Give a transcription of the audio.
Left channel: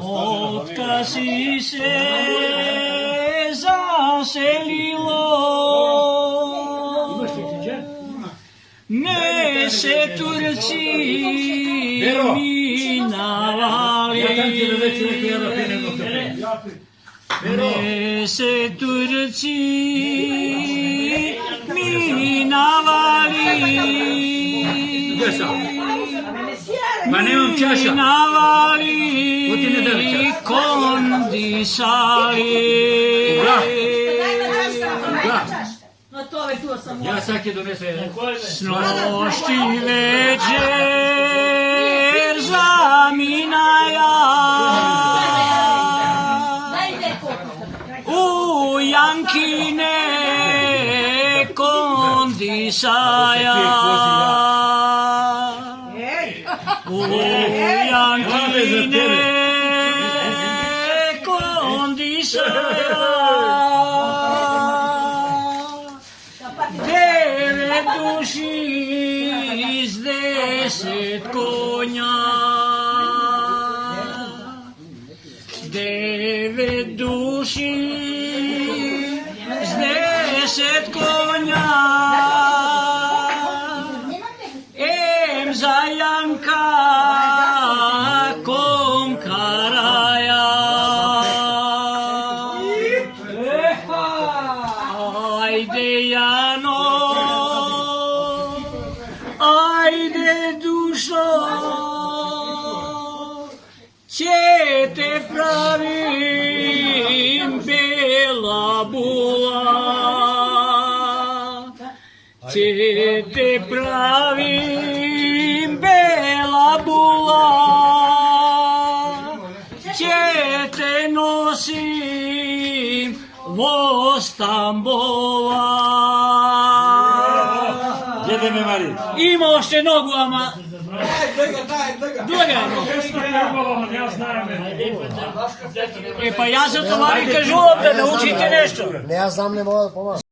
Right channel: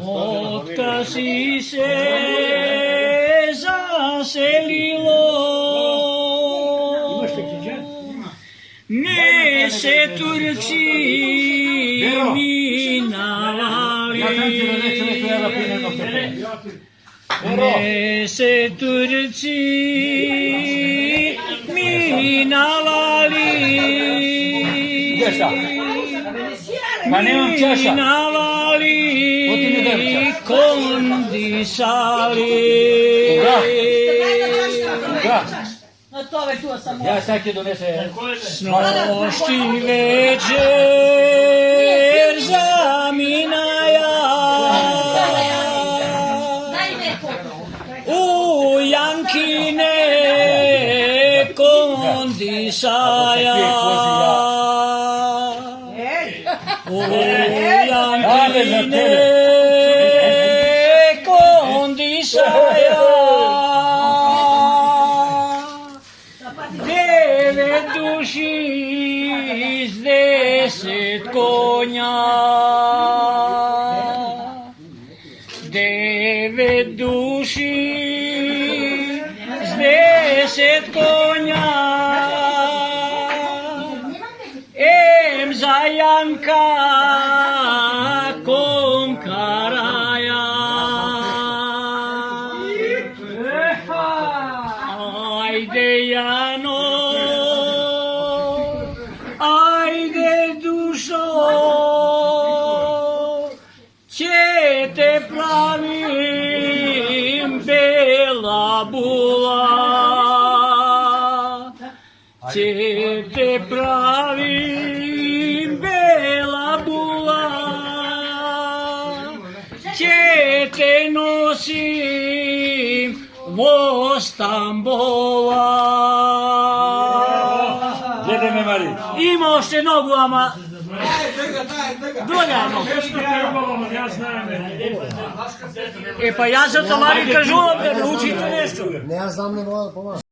Otka si se zaselilo, ne se Turci minavali, ne se Turci minavali. Ma nemam čaša. Kondisali. Ja sad ti donese. Snošti večer zaminaja u Jankine kondisaja. U Jankine kondisaja, 9 duši iz 10 konja, 9 duši iz 10 konja. Za Janka Konkaraja. Ajde Jano, ajde dušo, će te pravim bela bula, će te pravim bela bula, će te nosim vo Stambola. Jede me Mari. Imao še nogu, ama drugano. E pa ja zato vani kažu da naučite nešto. Ne, ja znam, ne mogu da pomoći.